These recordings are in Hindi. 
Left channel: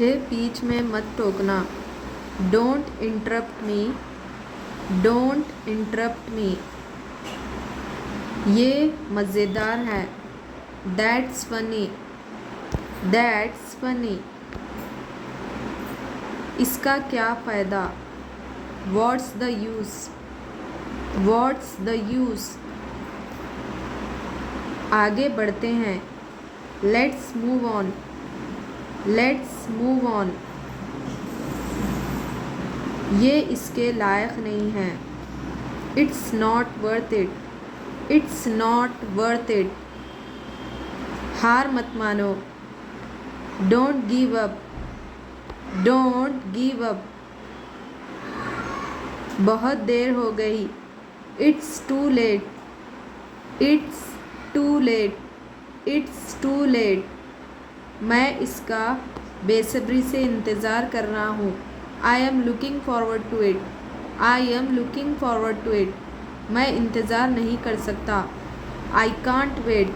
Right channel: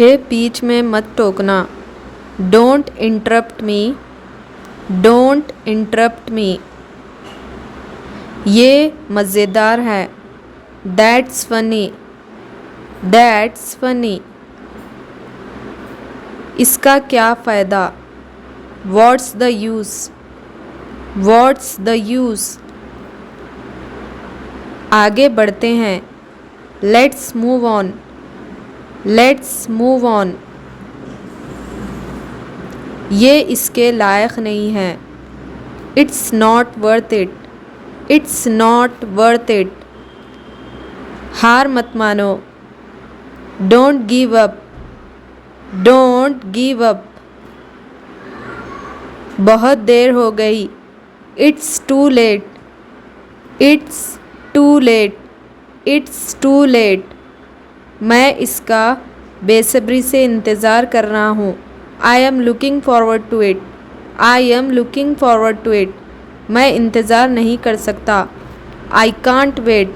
मुझे बीच में मत टोकना। Don't interrupt me. Don't interrupt me. ये मज़ेदार है। That's funny. That's funny. इसका क्या फ़ायदा? What's the use? What's the use? आगे बढ़ते हैं। Let's move on. Let's move on. ये इसके लायक नहीं है। It's not worth it. It's not worth it. हार मत मानो। Don't give up. Don't give up. बहुत देर हो गई। It's too late. It's too late. It's too late. मैं इसका बेसब्री से इंतज़ार कर रहा हूँ। I am looking forward to it. I am looking forward to it. मैं इंतज़ार नहीं कर सकता। I can't wait.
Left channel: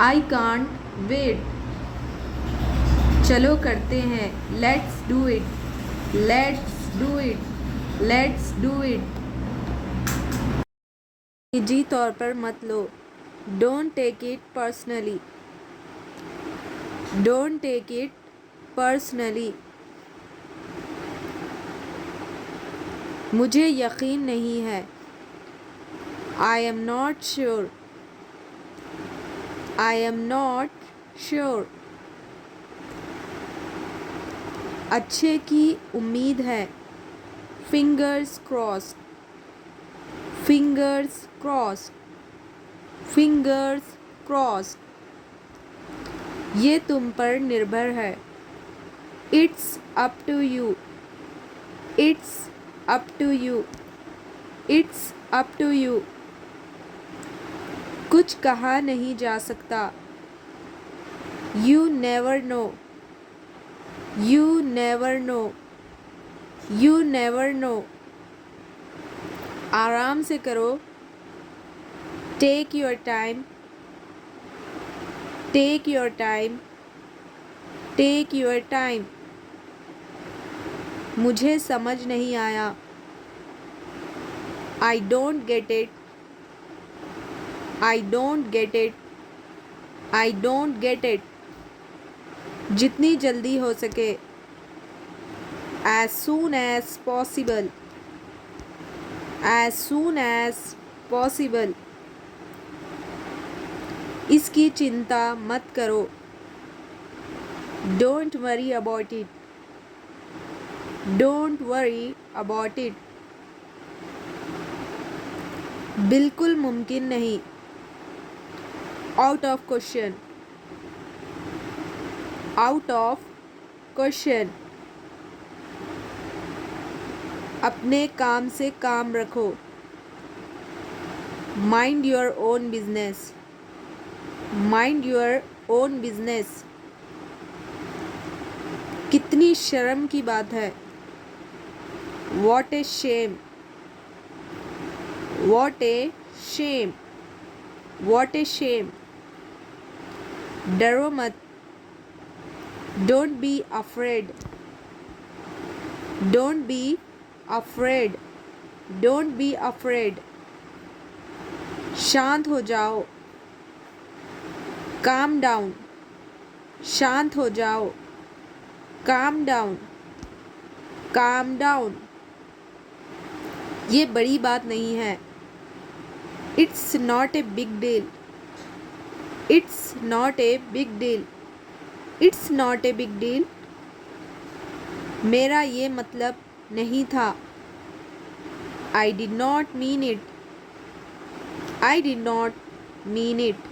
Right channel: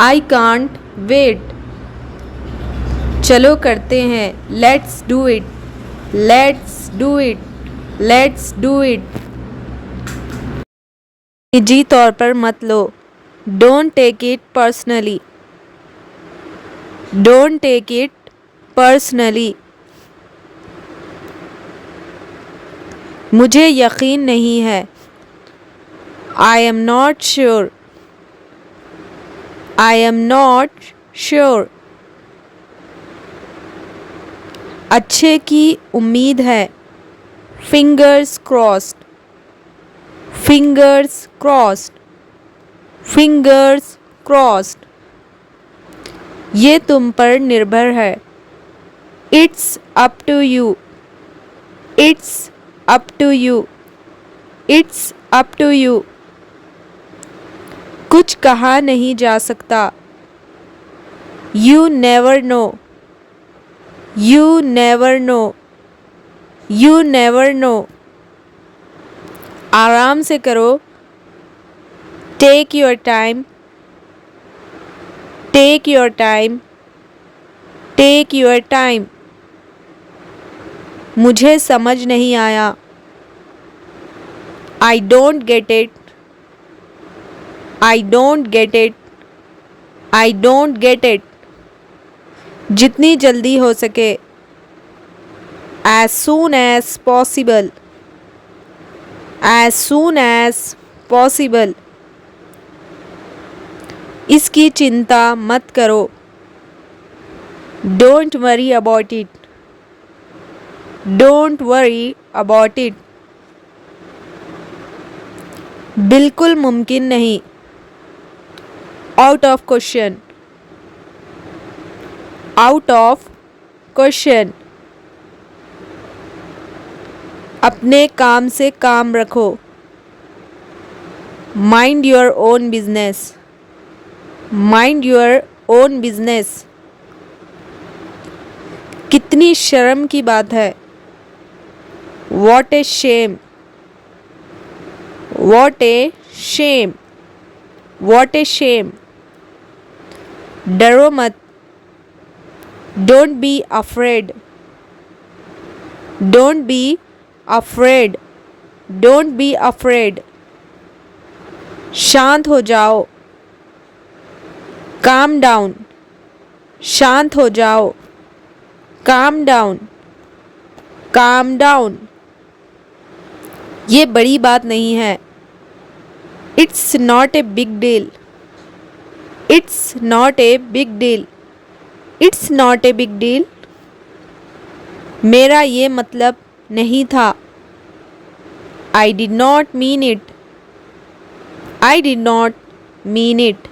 I can't wait. चलो करते हैं। Let's do it. Let's do it. Let's do it. निजी तौर पर मत लो। Don't take it personally. Don't take it personally. मुझे यकीन नहीं है। I am not sure. I am not sure. अच्छे की उम्मीद है। Fingers crossed. Fingers crossed. Fingers crossed. ये तुम पर निर्भर है। It's up to you. It's up to you. It's up to you. कुछ कहा नहीं जा सकता। You never know. You never know. You never know. आराम से करो। Take your time. Take your time. Take your time. मुझे समझ नहीं आया। I don't get it. I don't get it. I don't get it. जितनी जल्दी हो सके। As soon as possible. As soon as possible. इसकी चिंता मत करो। Don't worry about it. Don't worry about it. बिल्कुल मुमकिन नहीं। Out of question. Out of question. अपने काम से काम रखो। Mind your own business. Mind your own business. कितनी शर्म की बात है। What a shame. What a shame. What a shame. डरो मत। Don't be afraid. Don't be afraid. Don't be afraid. शांत हो जाओ। Calm down. शांत हो जाओ। Calm down. Calm down. ये बड़ी बात नहीं है। It's not a big deal. It's not a big deal. It's not a big deal. मेरा ये मतलब नहीं था। आई did not mean it. I did not mean it.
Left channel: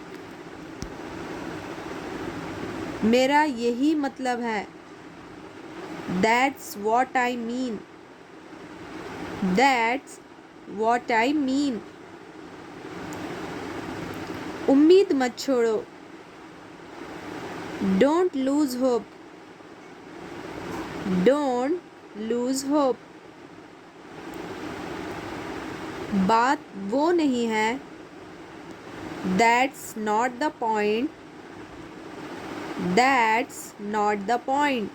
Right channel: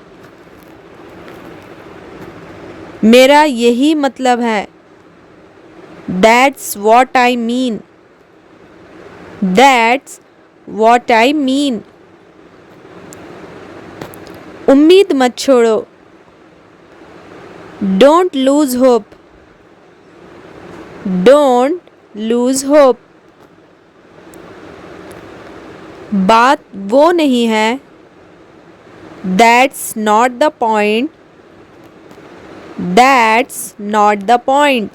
मेरा यही मतलब है। That's what I mean. That's what I mean. उम्मीद मत छोड़ो। Don't lose hope. Don't lose hope. बात वो नहीं है। That's not the point. That's not the point.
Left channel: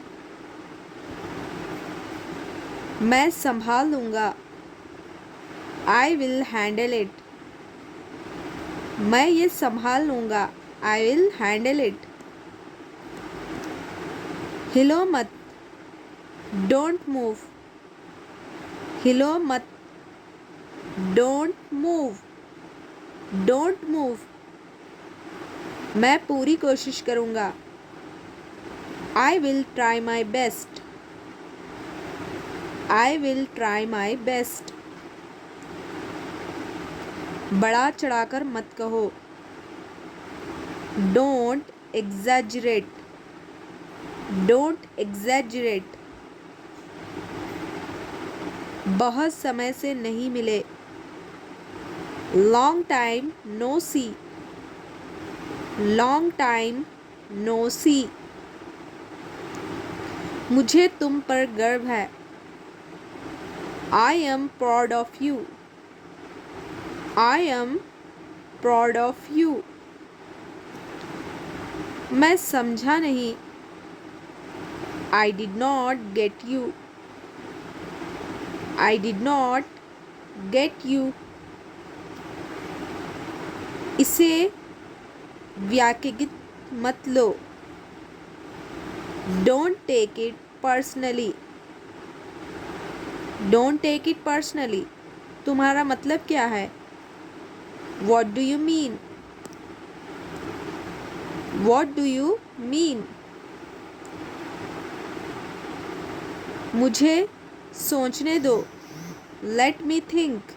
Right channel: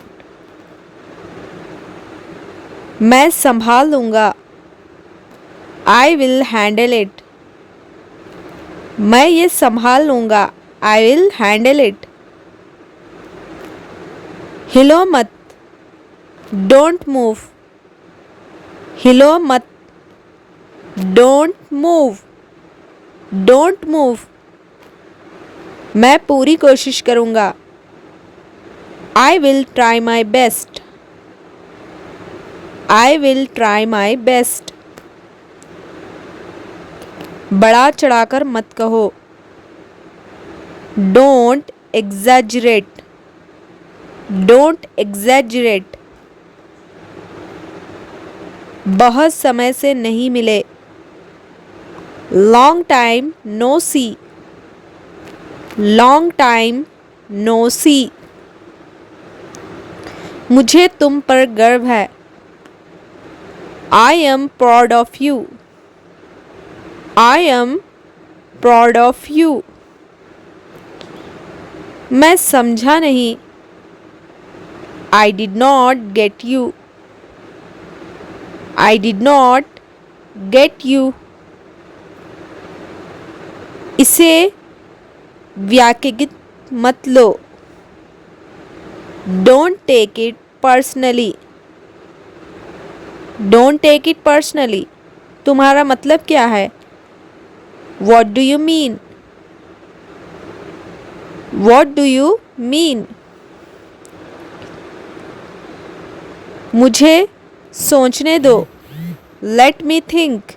मैं संभाल लूँगा। I will handle it. मैं ये संभाल लूँगा। I will handle it. हिलो मत। Don't move. हिलो मत। Don't move. Don't move. मैं पूरी कोशिश करूँगा। I will try my best. I will try my best. बढ़ा चढ़ाकर मत कहो। Don't exaggerate. Don't exaggerate. बहुत समय से नहीं मिले। लॉन्ग टाइम नो सी। लॉन्ग टाइम नो सी। मुझे तुम पर गर्व है। I am proud of you. I am proud of you. मैं समझा नहीं। I did not get you. I did not get you. इसे व्याख्यात मत लो। Don't take it personally. Don't take it personally. तुम्हारा मतलब क्या है? What do you mean? What do you mean? मुझे सोचने दो। Let me think.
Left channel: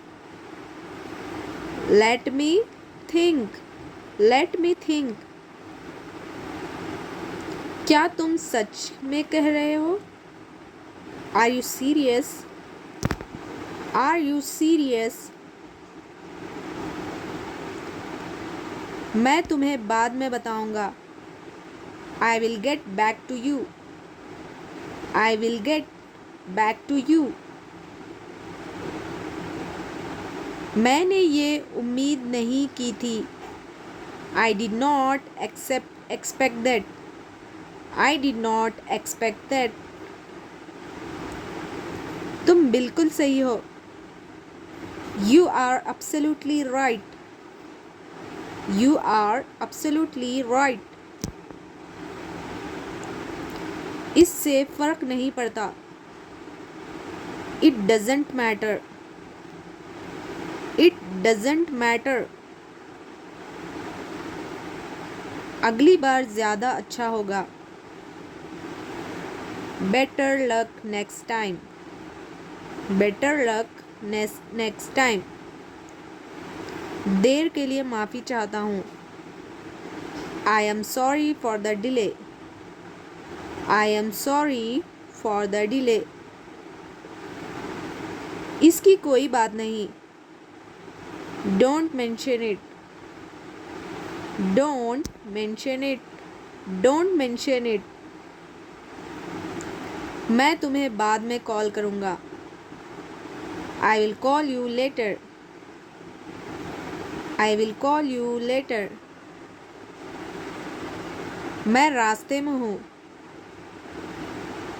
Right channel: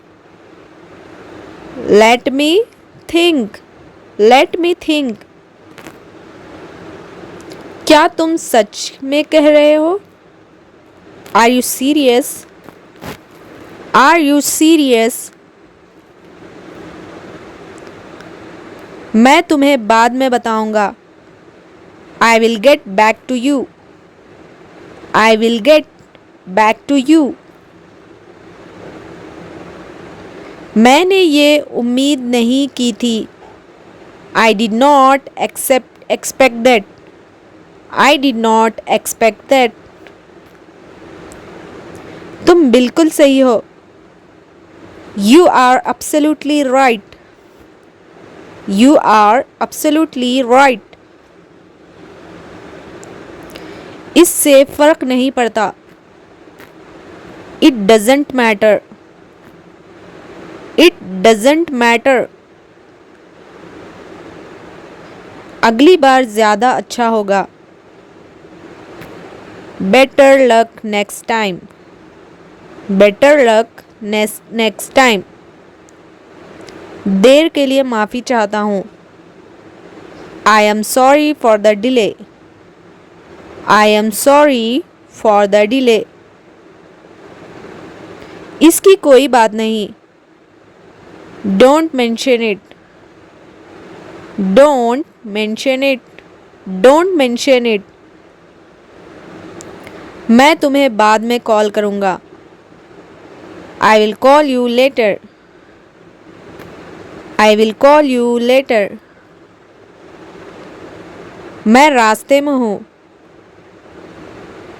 Let me think. Let me think. क्या तुम सच में कह रहे हो? Are you serious? Are you serious? मैं तुम्हें बाद में बताऊंगा। आई will get back to you. I will get back to you. मैंने ये उम्मीद नहीं की थी। I did not expect that. I did not expect that. तुम बिल्कुल सही हो। You are absolutely right. You are absolutely right. इससे फर्क नहीं पड़ता। It doesn't matter. It doesn't matter. अगली बार ज़्यादा अच्छा होगा। Better luck next time. Better luck next time. देर के लिए माफ़ी चाहता हूँ। I am sorry for the delay. I am sorry for the delay. इसकी कोई बात नहीं। Don't mention it. Don't mention it. Don't mention it. मैं तुम्हें बाद में कॉल करूँगा। I will call you later. I will call you later. मैं रास्ते में हूँ।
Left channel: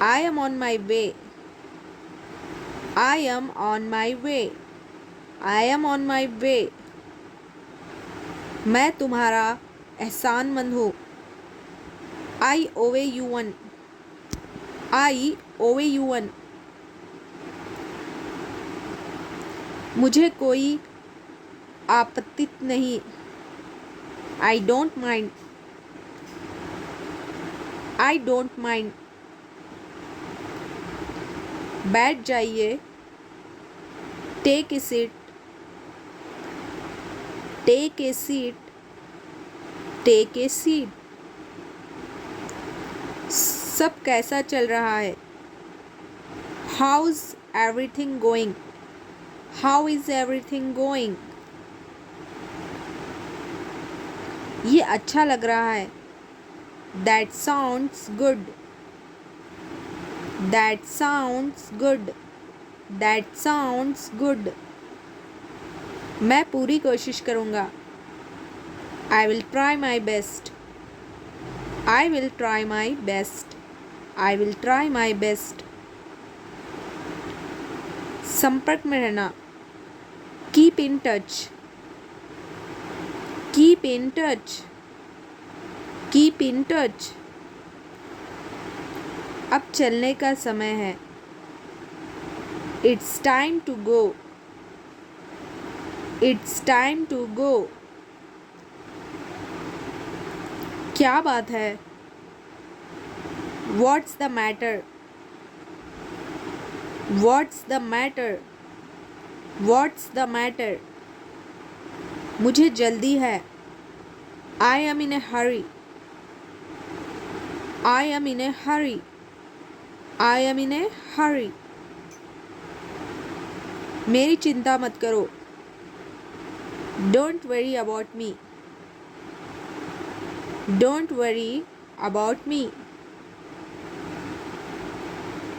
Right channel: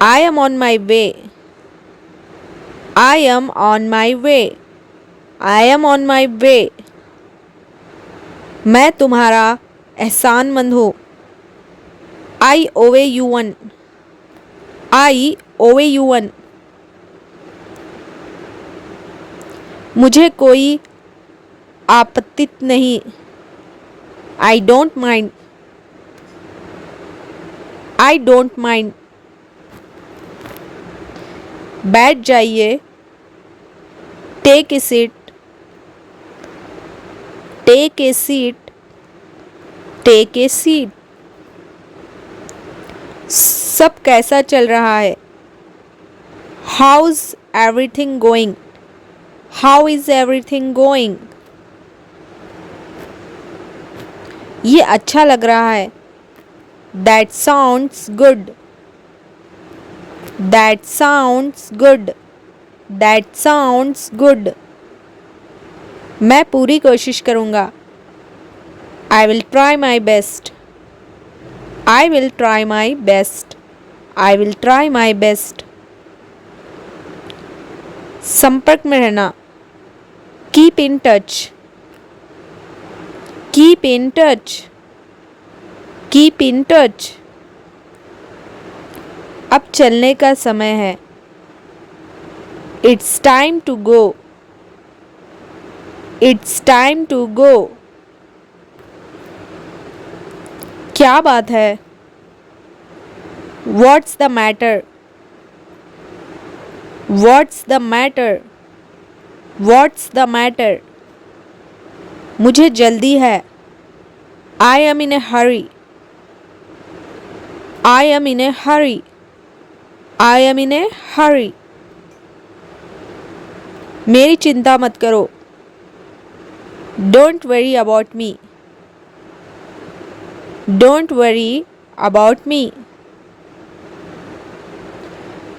I am on my way. I am on my way. I am on my way. मैं तुम्हारा एहसानमंद हूँ। I owe you one. I owe you one. मुझे कोई आपत्ति नहीं। I don't mind. I don't mind. बैठ जाइए। Take a seat. Take a seat. Take a seat. सब कैसा चल रहा है? How's everything going? How is everything going? ये अच्छा लग रहा है। That sounds good. That sounds good. That sounds good. मैं पूरी कोशिश करूँगा। I will try my best. I will try my best. I will try my best. संपर्क में रहना, keep in touch, keep in touch, keep in touch. अब चलने का समय है, it's time to go, it's time to go. क्या बात है, what's the matter, what's the matter, what's the matter. मुझे जल्दी है, I am in a hurry, I am in a hurry, I am in a hurry. मेरी चिंता मत करो, don't worry about me, don't worry about me.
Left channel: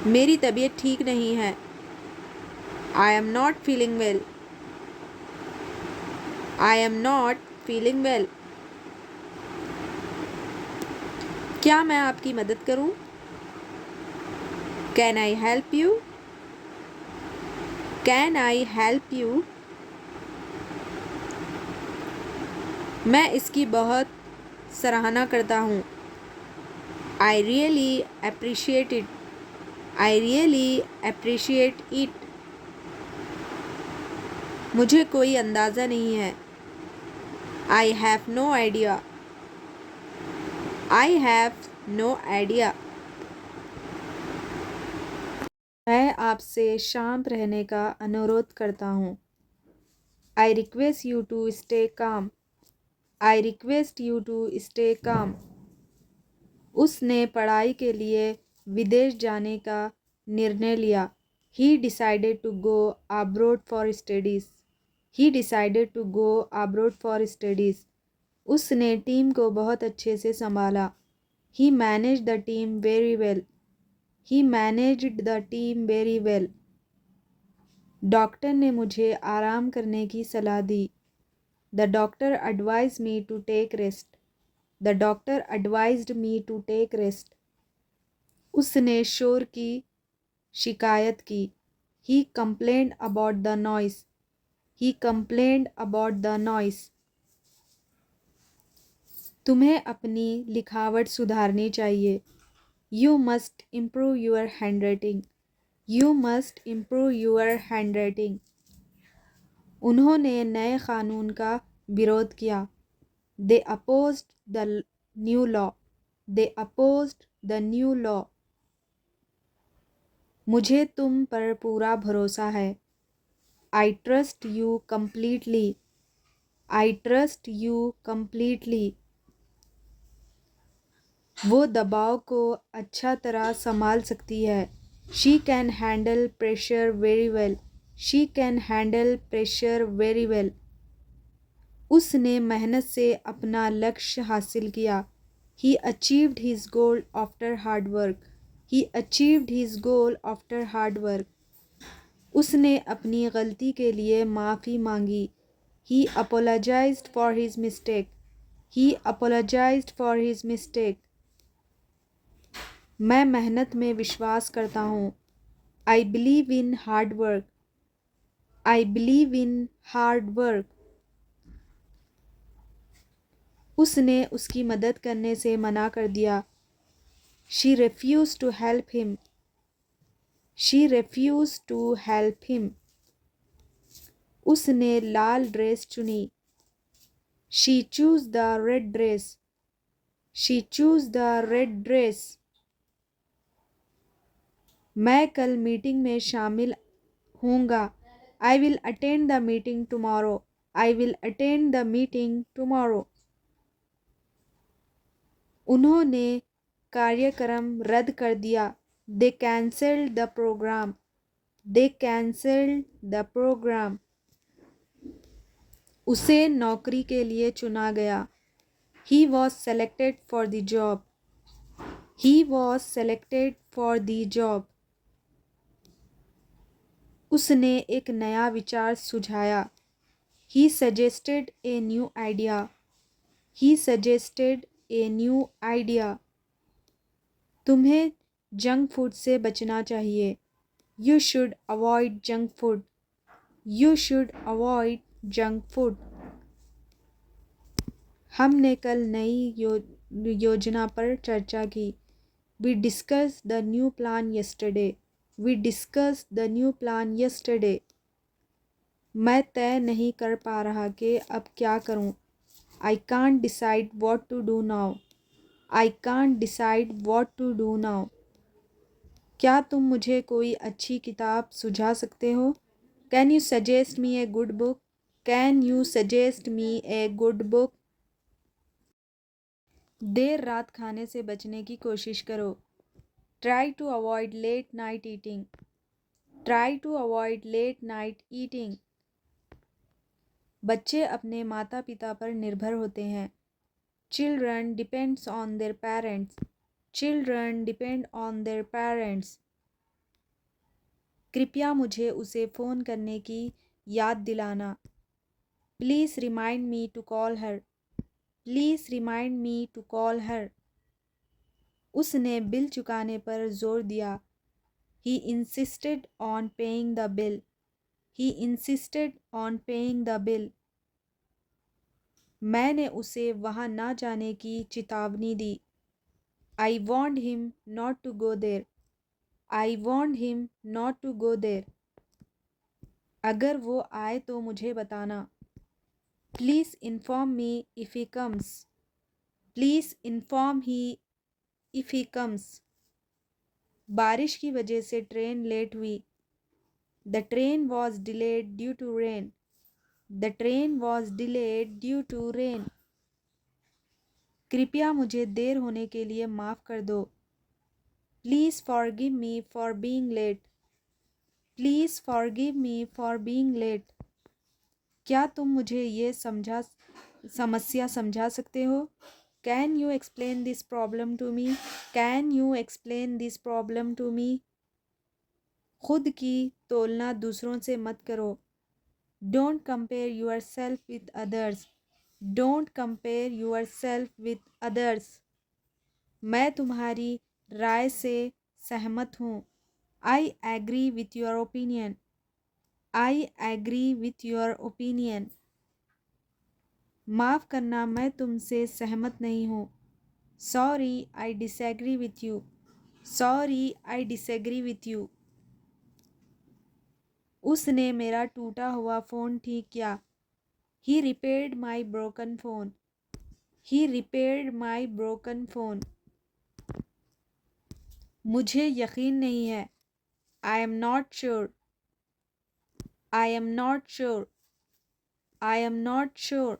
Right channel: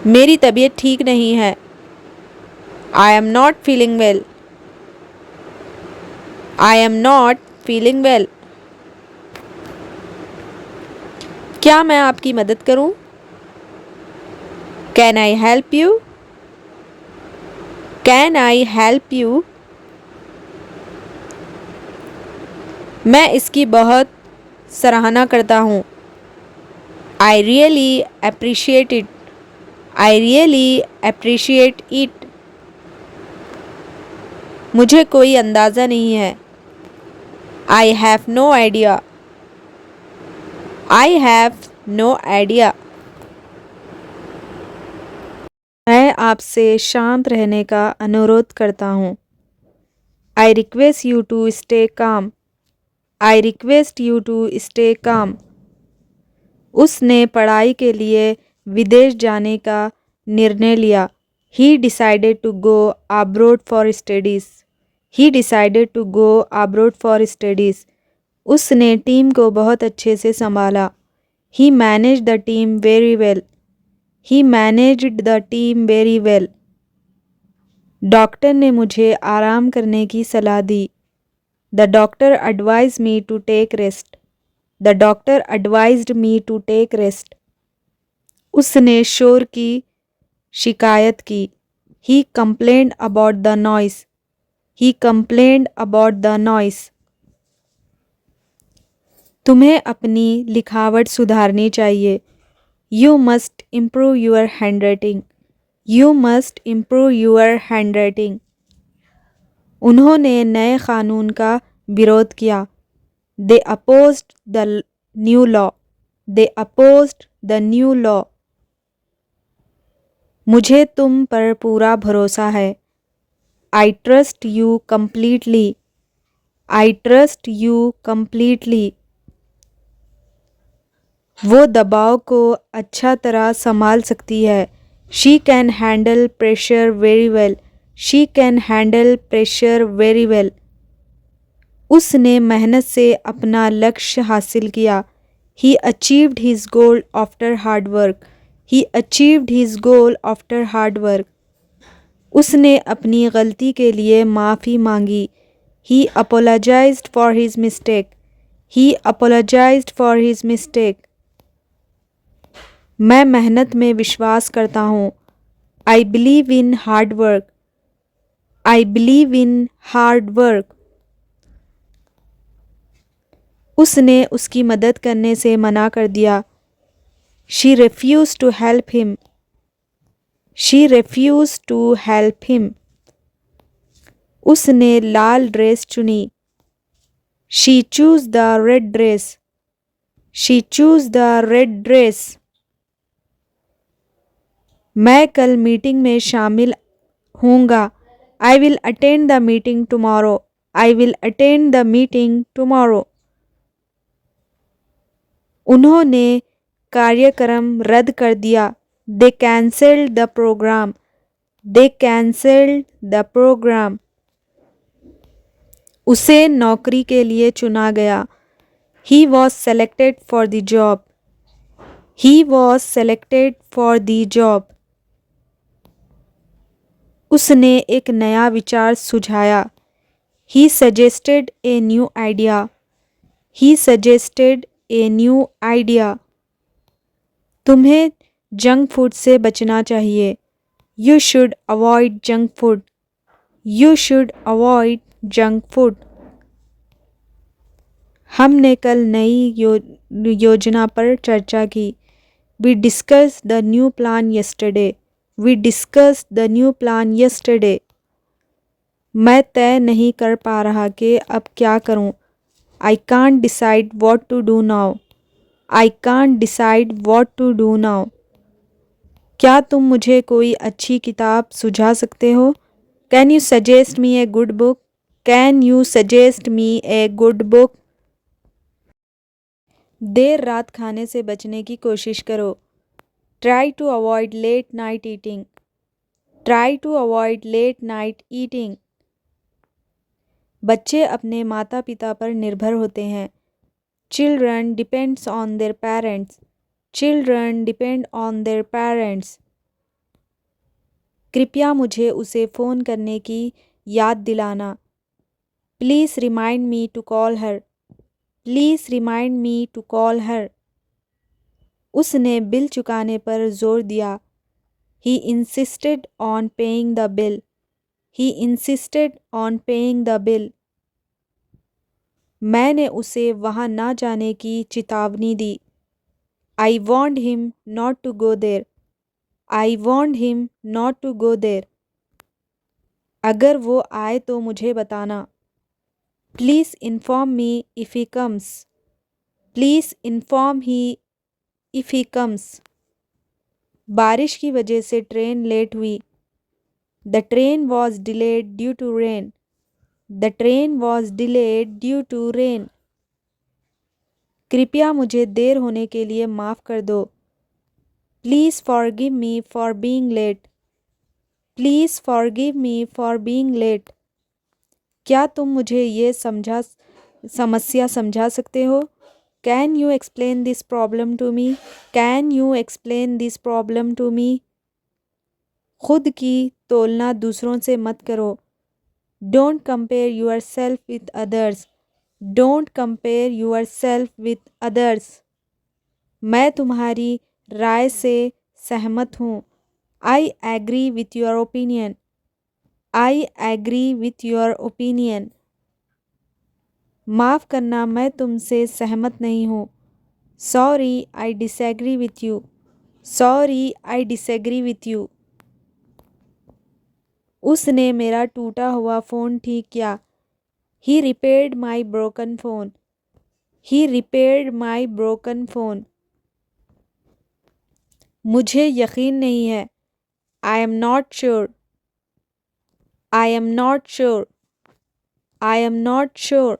मेरी तबीयत ठीक नहीं है, I am not feeling well, I am not feeling well. क्या मैं आपकी मदद करूं? Can I help you, can I help you. मैं इसकी बहुत सराहना करता हूँ, I really appreciate it, I really appreciate it. मुझे कोई अंदाज़ा नहीं है, I have no idea, I have no idea. मैं आपसे शांत रहने का अनुरोध करता हूँ, I request you to stay calm, I request you to stay calm. उसने पढ़ाई के लिए विदेश जाने का निर्णय लिया, he decided to go abroad for studies, he decided to go abroad for studies. उसने टीम को बहुत अच्छे से संभाला, he manage the team very well, he managed the team very well. Doctor ने मुझे आराम करने की सलाह दी, the doctor advise me to take rest, the doctor advised me to take rest. उसने शोर की शिकायत की, he complained about the noise, he complained about the noise. तुम्हें अपनी लिखावट सुधारनी चाहिए, you must improve your handwriting, you must improve your handwriting. उन्होंने नए कानून का विरोध किया, they opposed the new law, they opposed the new law. मुझे तुम पर पूरा भरोसा है, I trust you completely, I trust you completely. वो दबाव को अच्छा तरह संभाल सकती है, she can handle pressure very well, she can handle pressure very well. उसने मेहनत से अपना लक्ष्य हासिल किया, he achieved his goal after hard work, he achieved his goal after hard work. उसने अपनी गलती के लिए माफ़ी मांगी, he apologised for his mistake, he apologised for his mistake. मैं मेहनत में विश्वास करता हूँ, I believe in hard work, I believe in hard work. उसने उसकी मदद करने से मना कर दिया, she refuse to help him, she refuse to help him. उसने लाल ड्रेस चुनी, she choose the red dress, she choose the red dress. मैं कल मीटिंग में शामिल होऊंगा, I will attend the meeting tomorrow, I will attend the meeting tomorrow. उन्होंने कार्यक्रम रद्द कर दिया, they cancelled the programme, they cancelled the programme. उसे नौकरी के लिए चुना गया, he was selected for the job, he was selected for the job. उसने एक नया विचार सुझाया, he suggested a new idea, he suggested a new idea. तुम्हें जंक फूड से बचना चाहिए, You should avoid junk food. You should avoid junk food. हमने कल नई योजना पर चर्चा की. We discussed the new plan yesterday. We discussed the new plan yesterday. मैं तय नहीं कर पा रहा कि अब क्या करूं. I can't decide what to do now. I can't decide what to do now. क्या तुम मुझे कोई अच्छी किताब सुझा सकते हो? Can you suggest me a good book? Can you suggest me a good book? देर रात खाने से बचने की कोशिश करो. Try to avoid late night eating. Try to avoid late night eating. बच्चे अपने माता पिता पर निर्भर होते हैं. Children depends on their parents. Children depend on their parents. कृपया मुझे उसे फ़ोन करने की याद दिलाना. Please remind me to call her. Please remind me to call her. उसने बिल चुकाने पर जोर दिया. He insisted on paying the bill. He insisted on paying the bill. मैंने उसे वहाँ ना जाने की चेतावनी दी. I warned him not to go there. I warned him not to go there. अगर वो आए तो मुझे बताना. Please inform me if he comes. Please inform he if he comes. बारिश की वजह से ट्रेन लेट हुई. The train was delayed due to rain. The train was delayed due to rain. कृपया मुझे देर होने के लिए माफ़ कर दो. Please forgive me for being late. Please forgive me for being late. क्या तुम मुझे ये समस्या समझा सकते हो? Can you explain this problem to me? Can you explain this problem to me? खुद की तुलना दूसरों से मत करो. Don't compare yourself with others. Don't compare yourself with others. मैं तुम्हारी राय से सहमत हूँ. I agree with your opinion. I agree with your opinion. माफ़ करना, मैं तुमसे सहमत नहीं हूँ. Sorry, I disagree with you. Sorry, I disagree with you. उसने मेरा टूटा हुआ फ़ोन ठीक किया. He repaired my broken phone. He repaired my broken phone. मुझे यकीन नहीं है. I am not sure. I am not sure. I am not sure.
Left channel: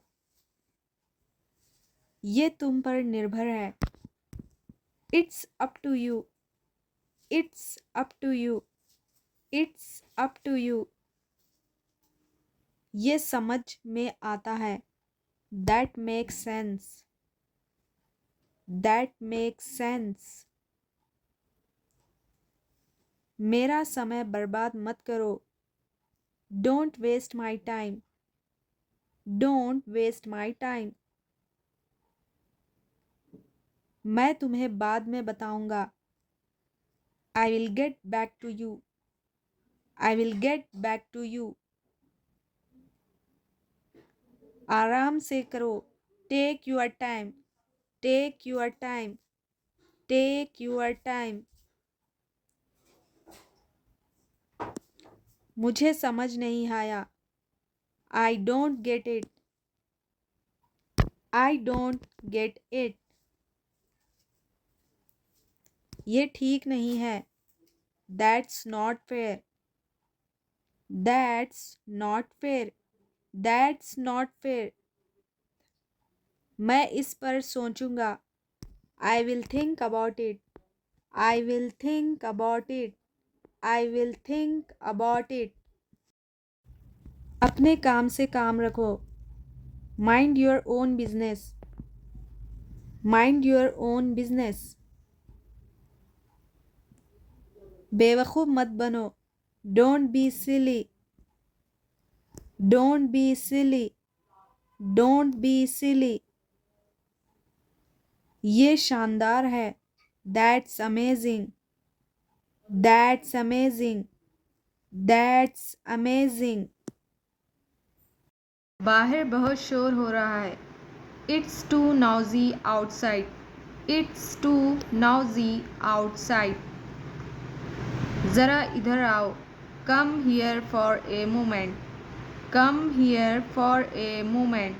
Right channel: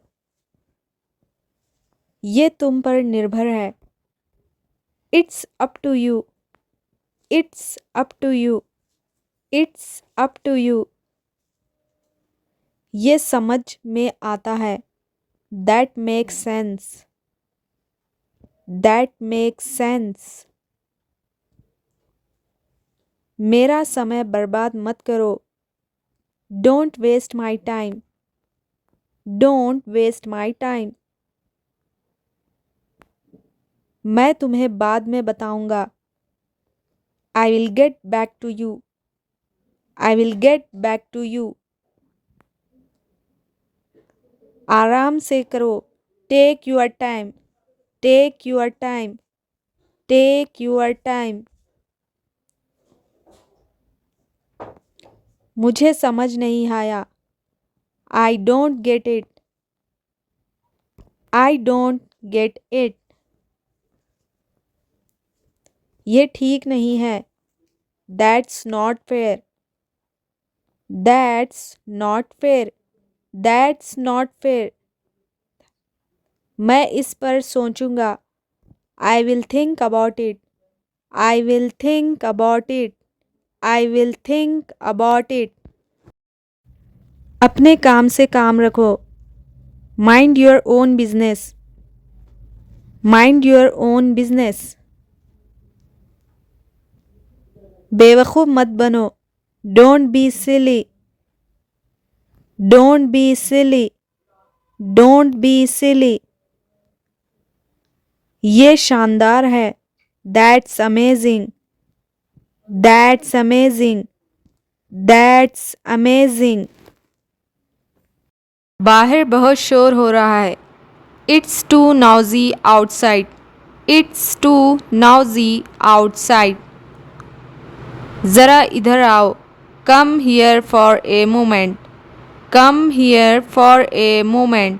ये तुम पर निर्भर है. It's up to you. It's up to you. It's up to you. ये समझ में आता है. That makes sense. That makes sense. मेरा समय बर्बाद मत करो. Don't waste my time. Don't waste my time. मैं तुम्हें बाद में बताऊंगा. I will get back to you. I will get back to you. आराम से करो. Take your time. Take your time. Take your time. मुझे समझ नहीं आया. I don't get it. I don't get it. ये ठीक नहीं है. That's not fair. That's not fair. That's not fair. मैं इस पर सोचूंगा. I will think about it. I will think about it. I will think about it. अपने काम से काम रखो. Mind your own business. Mind your own business. बेवकूफ़ मत बनो. Don't be silly. Don't be silly. Don't be silly. ये शानदार है. That's amazing. That's amazing. That's amazing. बाहर बहुत शोर हो रहा है। It's too noisy outside. It's too noisy outside. ज़रा इधर आओ। Come here for a moment. Come here for a moment.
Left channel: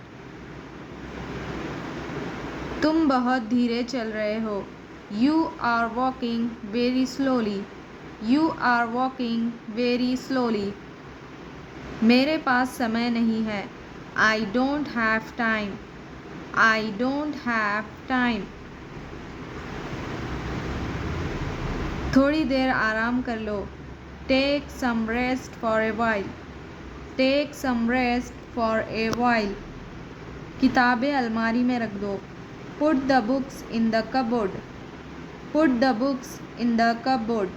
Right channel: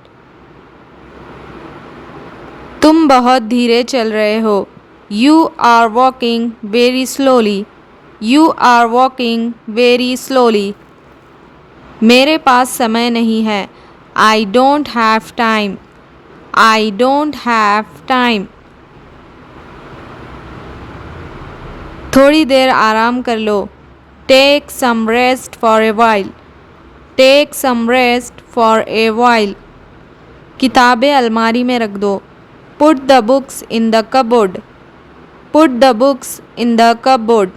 तुम बहुत धीरे चल रहे हो। You are walking very slowly. You are walking very slowly. मेरे पास समय नहीं है। I don't have time. I don't have time. थोड़ी देर आराम कर लो। Take some rest for a while. Take some rest for a while. किताबें अलमारी में रख दो। Put the books in the cupboard. Put the books in the cupboard.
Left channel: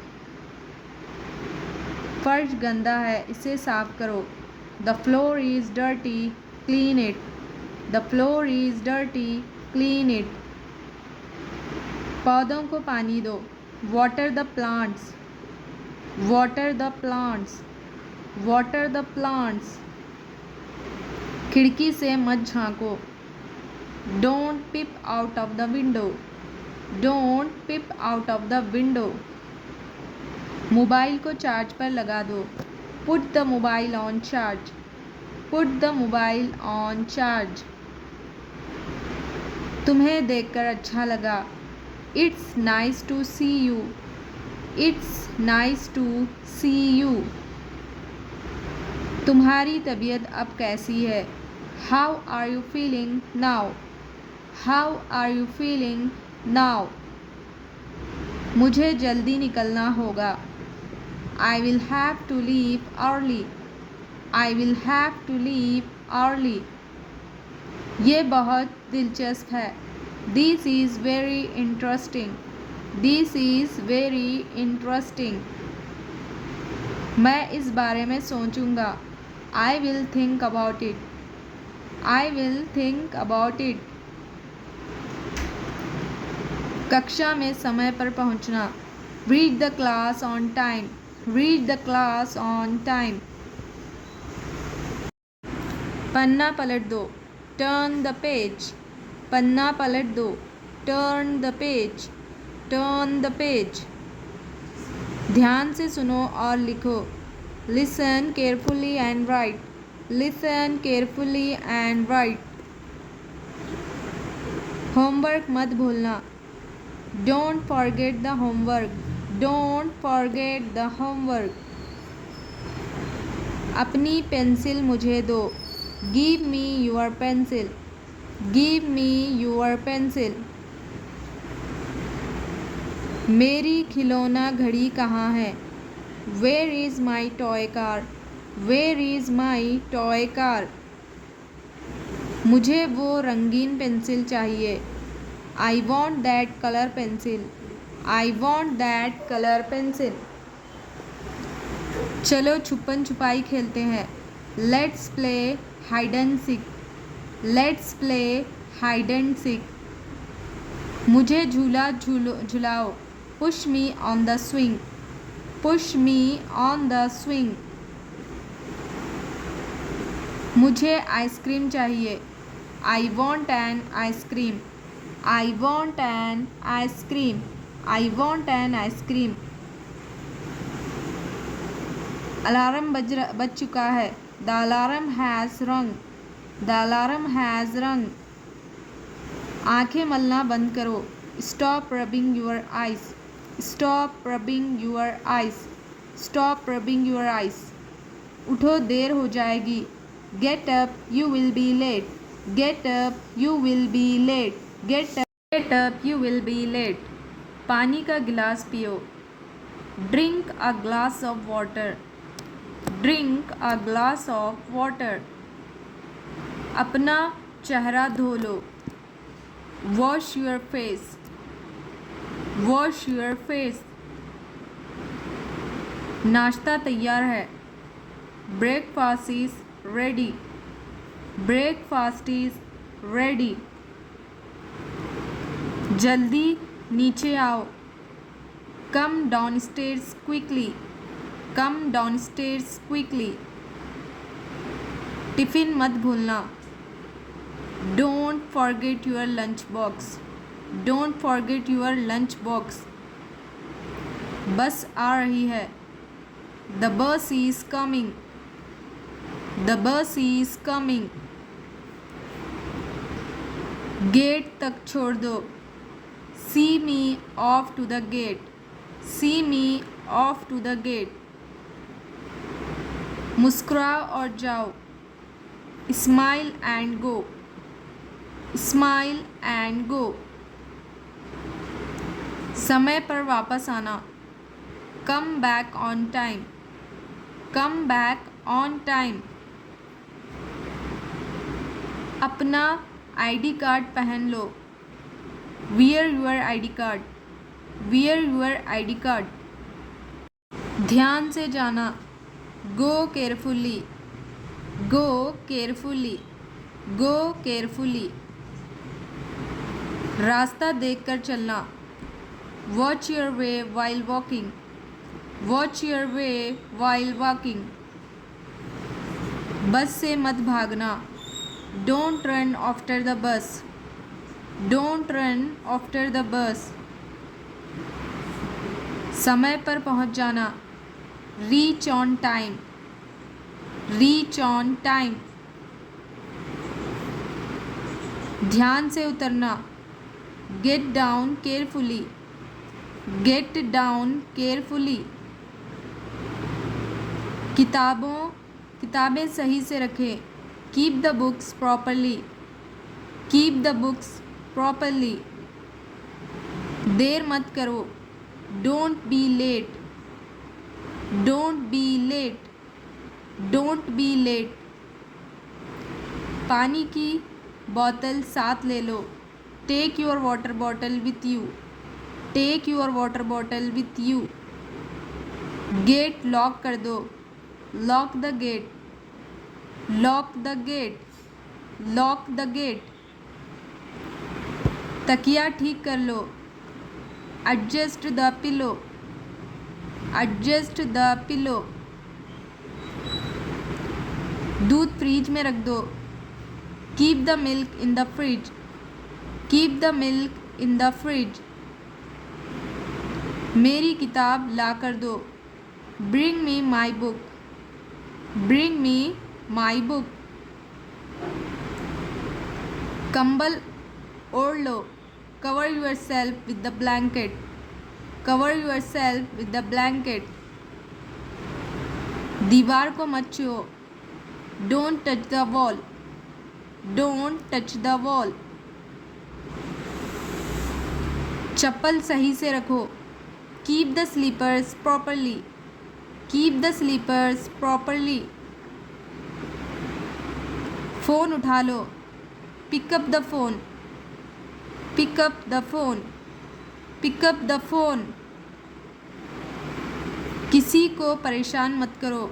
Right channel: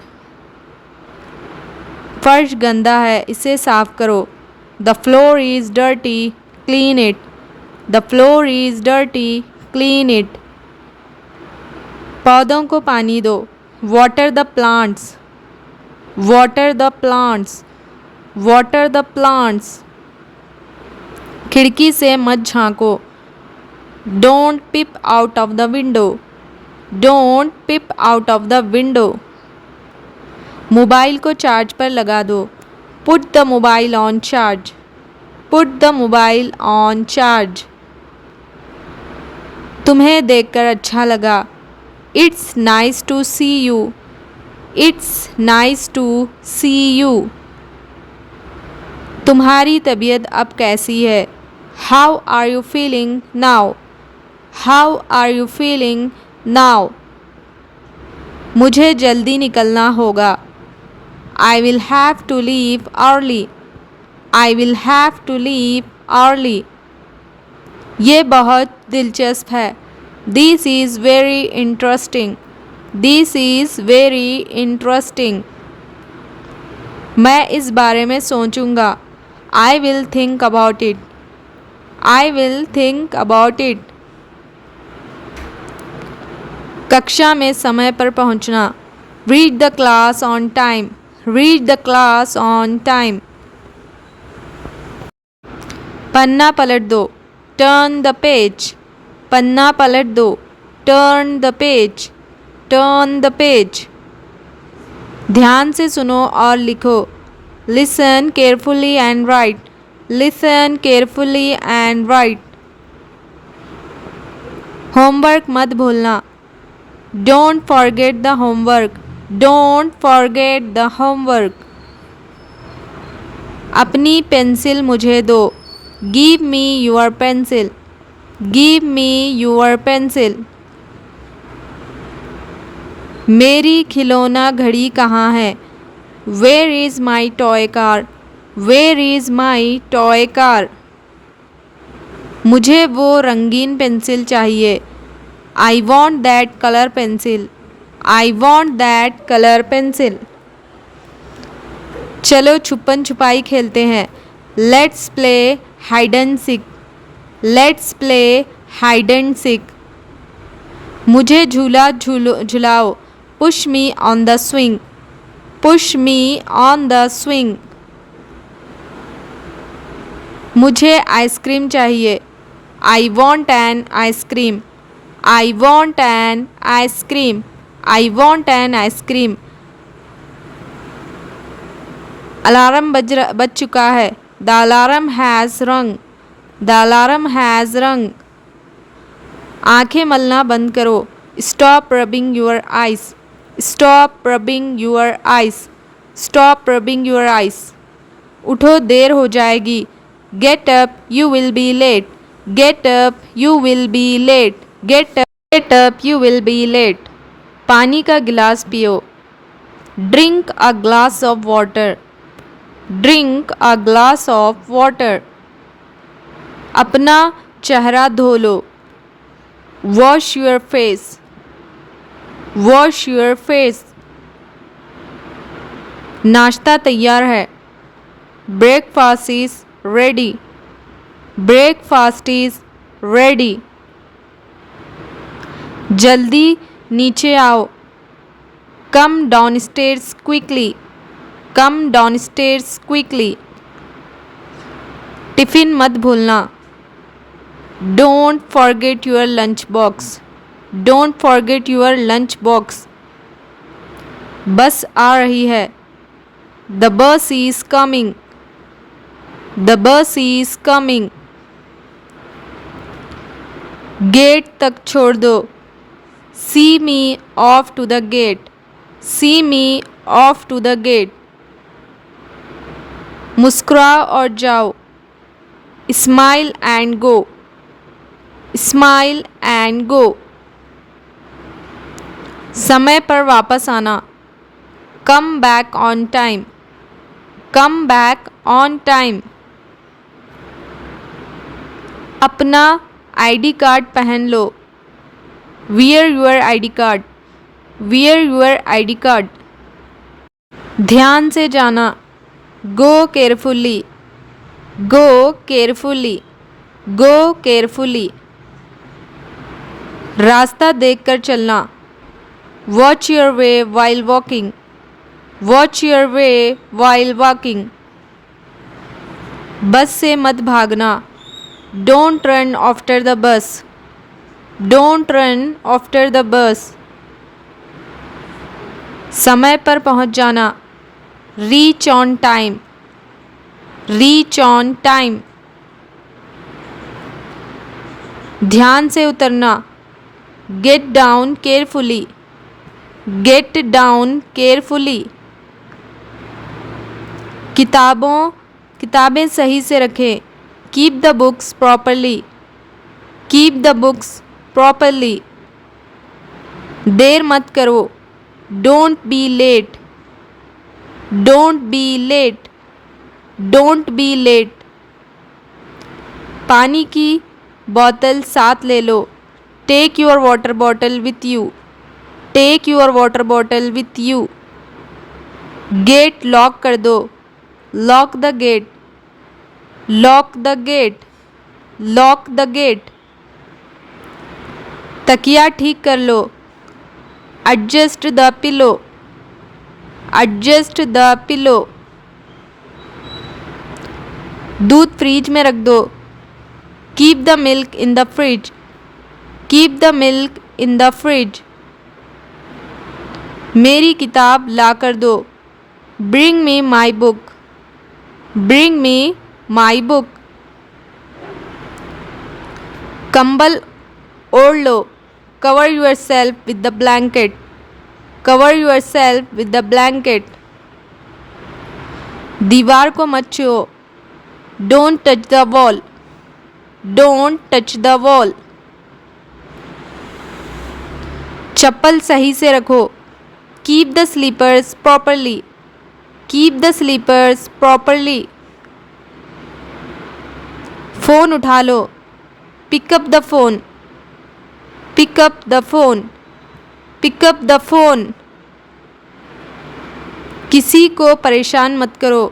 फर्श गंदा है, इसे साफ करो। The floor is dirty, clean it. The floor is dirty, clean it. पौधों को पानी दो। Water the plants. Water the plants. Water the plants. खिड़की से मत झांको। Don't peep out of the window. Don't peep out of the window. Mobile को चार्ज पर लगा दो। Put the mobile on charge. Put the mobile on charge. तुम्हें देखकर अच्छा लगा। It's nice to see you. It's nice to see you. तुम्हारी तबीयत अब कैसी है? How are you feeling now? How are you feeling now? मुझे जल्दी निकलना होगा। I will have to leave early. I will have to leave early. ये बहुत दिलचस्प है। This is very interesting. This is very interesting. मैं इस बारे में सोचूंगा। I will think about it. I will think about it. कक्षा में समय पर पहुंचना। Reach the class on time. Reach the class on time. पन्ना पलट दो। Turn the page. पन्ना पलट दो। Turn the page. Turn the page. ध्यान से सुनो और लिखो। Listen carefully and write. Listen carefully and write. Homework मत भूलना। Don't forget the homework. Don't forget the homework. अपनी पेंसिल मुझे दो। Give me your pencil. Give me your pencil. मेरी खिलौना घड़ी कहाँ है? Where is my toy car? Where is my toy car? मुझे वो रंगीन पेंसिल चाहिए। I want that colour pencil. I want that colour pencil. चलो छुपन छुपाई खेलते हैं। Let's play hide and seek. Let's play hide and seek. मुझे झूला झुलाओ। Push me on the swing. Push me on the swing. मुझे आइसक्रीम चाहिए। I want an ice cream. I want an ice cream. I want an ice cream. Alarm बज चुका है। The alarm has rung. The alarm has rung. आंखें मलना बंद करो। Stop rubbing your eyes. Stop rubbing your eyes. Stop rubbing your eyes. उठो, देर हो जाएगी। Get up, you will be late. Get up, you will be late. Get up, you will be late. पानी का गिलास पियो। Drink a glass of water. Drink a glass of water. अपना चेहरा धो लो। Wash your face. Wash your face. नाश्ता तैयार है। Breakfast is ready. Breakfast is ready. जल्दी नीचे आओ। Come downstairs quickly. Come downstairs quickly. Tiffin मत भूलना। Don't forget your lunch box. Don't forget your lunch box. Bus आ रही है। The bus is coming. The bus is coming. Gate तक छोड़ दो। See me off to the gate. C me off to the gate. मुस्कुराओ और जाओ। Smile and go. Smile and go. समय पर वापस आना। Come back on time. Come back on time. अपना आईडी कार्ड पहन लो। Wear your ID card. Wear your ID card. ध्यान से जाना। Go carefully. Go carefully. Go carefully. रास्ता देखकर चलना। Watch your way while walking. Watch your way while walking. Bus से मत भागना। डोंट रन आफ्टर द बस। Don't run after the bus. समय पर पहुंच जाना। Reach on time. Reach on time. ध्यान से उतरना। Get down carefully. Get down carefully. किताबें सही से रखें। Keep the books properly. Keep the books properly. देर मत करो। Don't be late. Don't be late. Don't be late. पानी की बोतल साथ ले लो। Take your water bottle with you. Take your water bottle with you. Gate lock कर दो। Lock the gate. Lock the gate. Lock the gate. तकिया ठीक कर लो। Adjust the pillow. Adjust the pillow. दूध फ्रिज में रख दो। Keep the milk in the fridge. Keep the milk in the fridge. मेरी किताब ला कर दो। Bring me my book. Bring me my book. कंबल ओढ़ लो। Cover yourself with the blanket. Cover yourself with the blanket. दीवार को मत छुओ। Don't touch the wall. Don't touch the wall. चप्पल सही से रखो। Keep the slippers properly. Keep the slippers properly. Phone उठा लो। Pick up the phone. Pick up the phone. Pick up the phone. किसी को परेशान मत करो।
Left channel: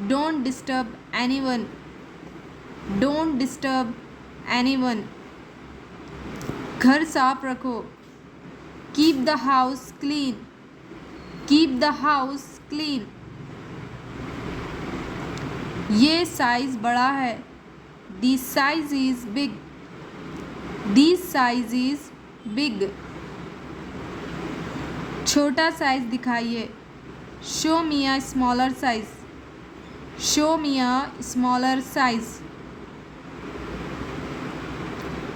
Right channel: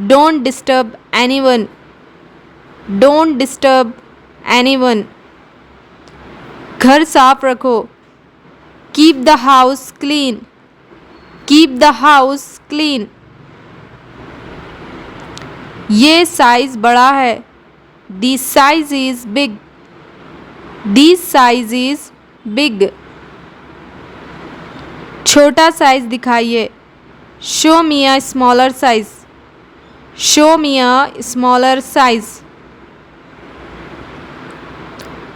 Don't disturb anyone. Don't disturb anyone. घर साफ रखो। Keep the house clean. Keep the house clean. ये साइज़ बड़ा है। This size is big. This size is big. छोटा साइज दिखाइए। Show me a smaller size. Show me a smaller size.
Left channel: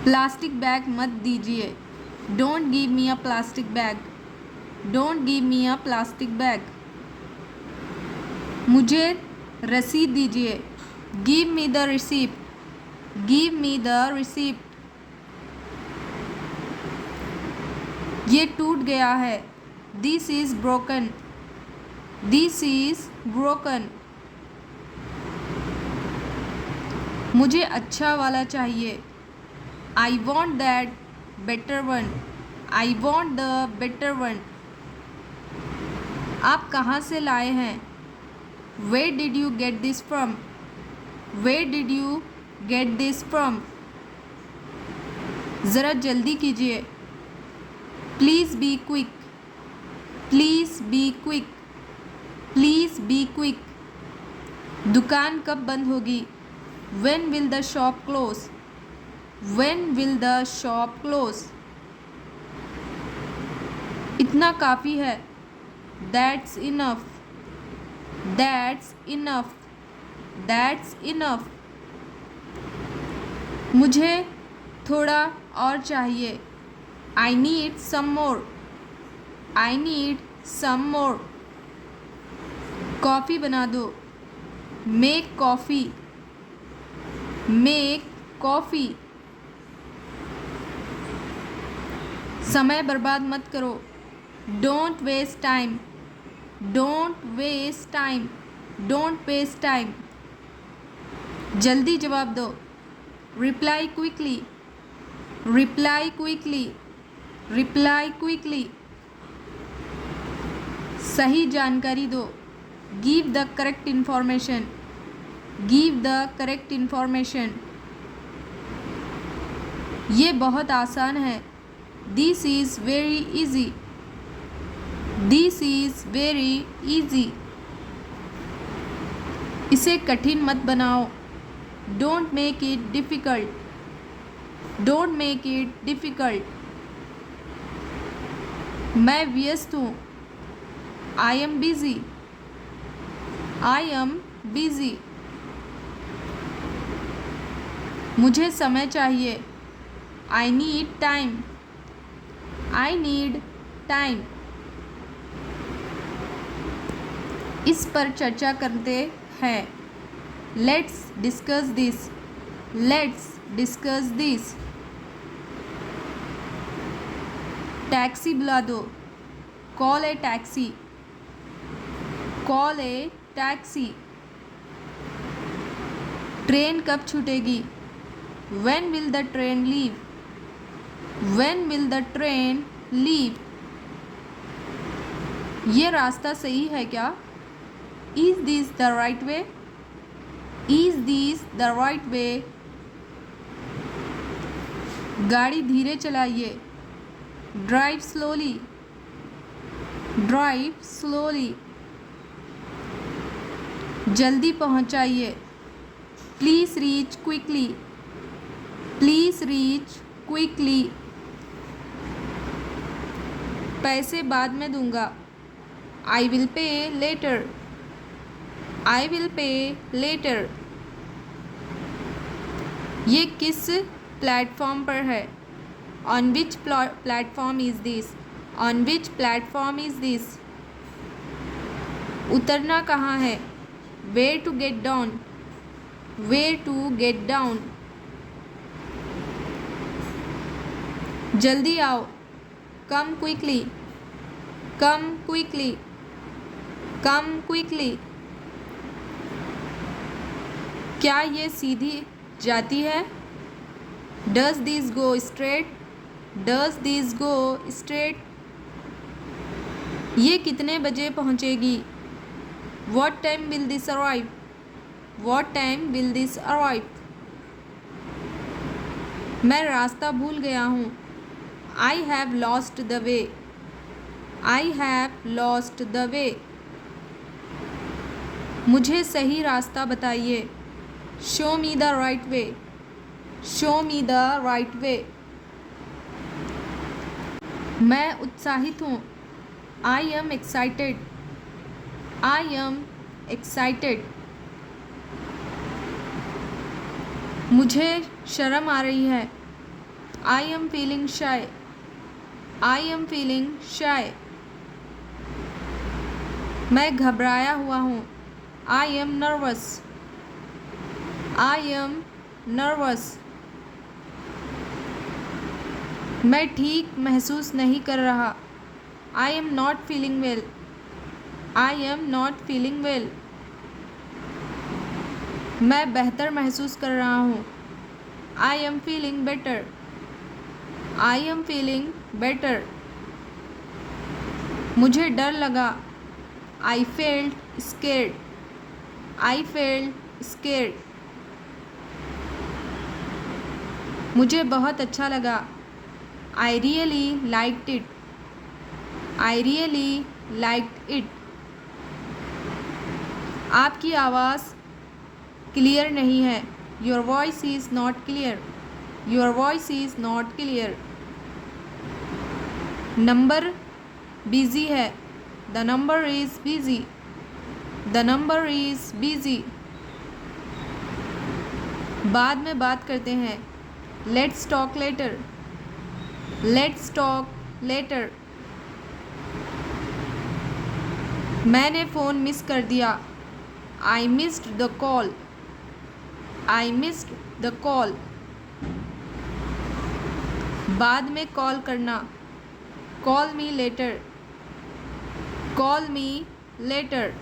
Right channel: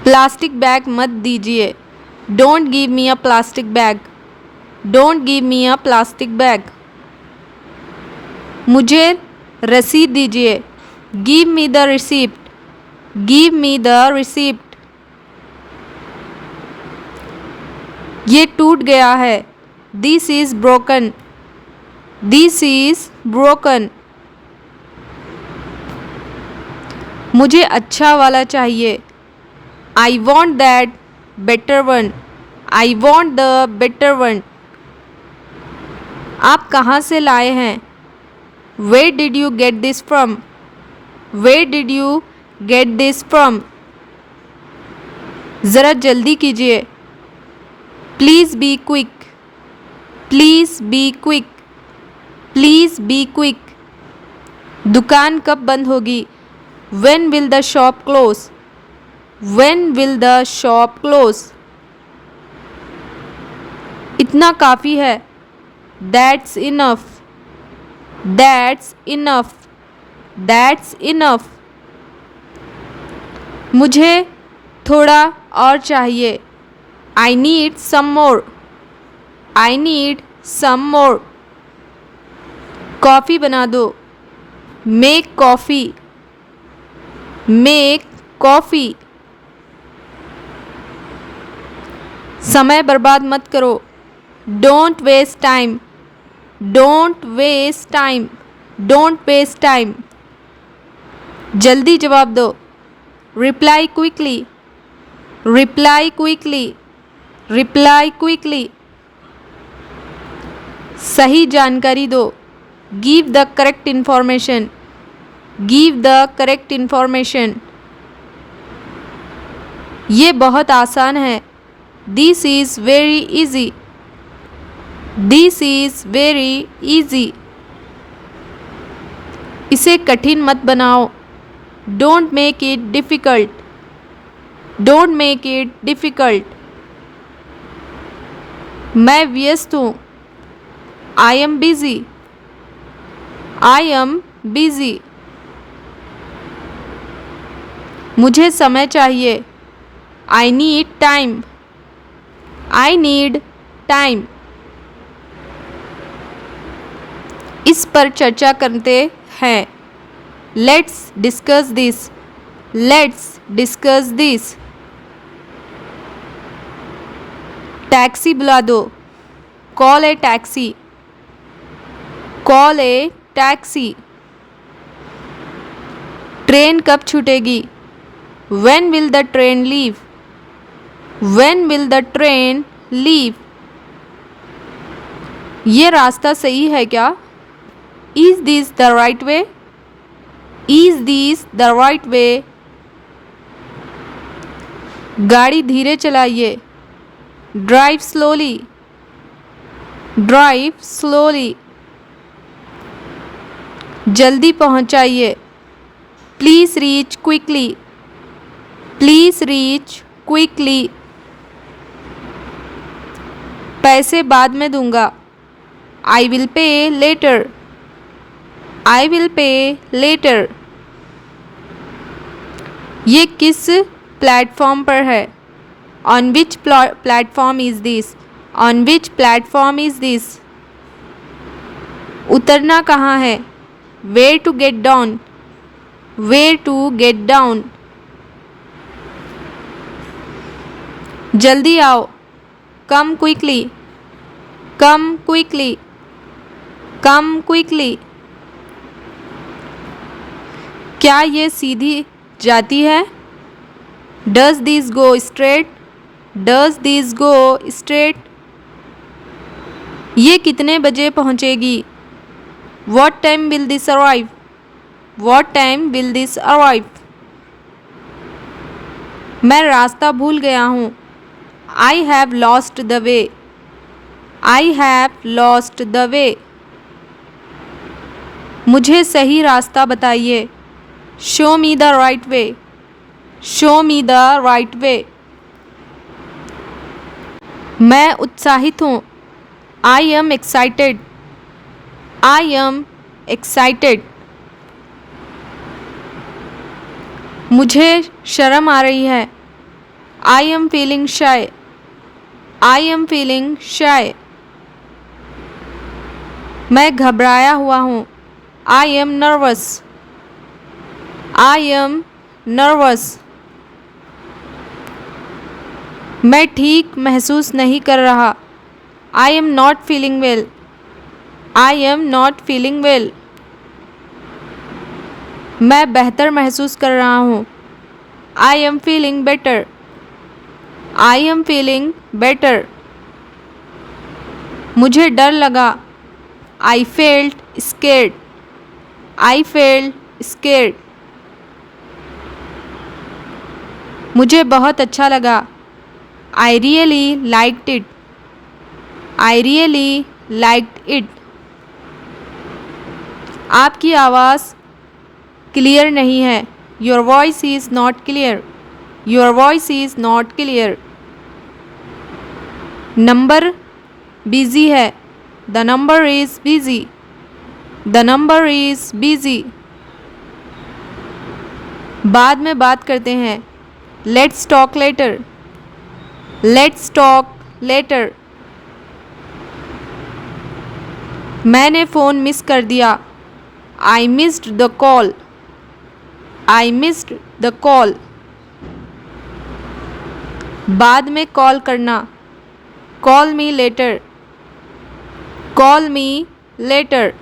Plastic bag मत दीजिए। Don't give me a plastic bag. Don't give me a plastic bag. मुझे रसीद दीजिए। Give me the receipt. Give me the receipt. ये टूट गया है। This is broken. This is broken. मुझे अच्छा वाला चाहिए। I want that better one. I want the better one. आप कहाँ से लाए हैं? Where did you get this from? Where did you get this from? ज़रा जल्दी कीजिए। Please be quick. Please be quick. Please be quick. दुकान कब बंद होगी? When will the shop close? When will the shop close? इतना काफ़ी है। That's enough. That's enough. That's enough. मुझे थोड़ा और चाहिए। I need some more. I need some more. Coffee बना दो। Make coffee. Make coffee. समय बर्बाद मत करो। Don't waste time. Don't waste time. Don't waste time. जल्दी जवाब दो। Reply quickly. Reply quickly. Reply quickly. सही जानकारी दो। Give the correct information. Give the correct information. ये बहुत आसान है। This is very easy. This is very easy. इसे कठिन मत बनाओ। Don't make it difficult. Don't make it difficult. मैं व्यस्त हूँ। I am busy. I am busy. मुझे समय चाहिए। I need time. I need time. इस पर चर्चा करते हैं। Let's discuss this. Let's discuss this. Taxi बुला दो। Call a taxi. Call a taxi. Train कब छूटेगी? When will the train leave? When will the train leave? ये रास्ता सही है क्या? Is this the right way? Is this the right way? गाड़ी धीरे चलाइए। Drive slowly. Drive slowly. जल्दी पहुंचाइए। Please reach quickly. Please reach quickly. पैसे बाद में दूंगा। I will pay later. I will pay later. ये किस प्लेटफॉर्म पर है? On which platform is this? On which platform is this? उतरना कहाँ है? Where to get down? Where to get down? जल्दी आओ। Come quickly. Come quickly. Come quickly. क्या ये सीधी जाती है? Does this go straight? Does this go straight? ये कितने बजे पहुंचेगी? What time will this arrive? What time will this arrive? मैं रास्ता भूल गया हूँ। I have lost the way. I have lost the way. मुझे सही रास्ता बताइए। Show me the right way. Show me the right way. मैं उत्साहित हूँ। I am excited. I am excited. मुझे शर्म आ रही है। I am feeling shy. I am feeling shy. मैं घबराया हुआ हूँ। I am nervous. I am nervous. मैं ठीक महसूस नहीं कर रहा। I am not feeling well. I am not feeling well. मैं बेहतर महसूस कर रहा हूँ। I am feeling better. I am feeling better. मुझे डर लगा। I felt scared. I felt scared. मुझे बहुत अच्छा लगा। I really liked it. I really liked it. आपकी आवाज़ क्लियर नहीं है। Your voice is not clear. Your voice is not clear. Number busy है। The number is busy. The number is busy. बाद में बात करते हैं। Let's talk later. Let's talk later. मैंने फ़ोन मिस कर दिया। I missed the call. I missed the call. बाद में कॉल करना। Call me later. Call me letter.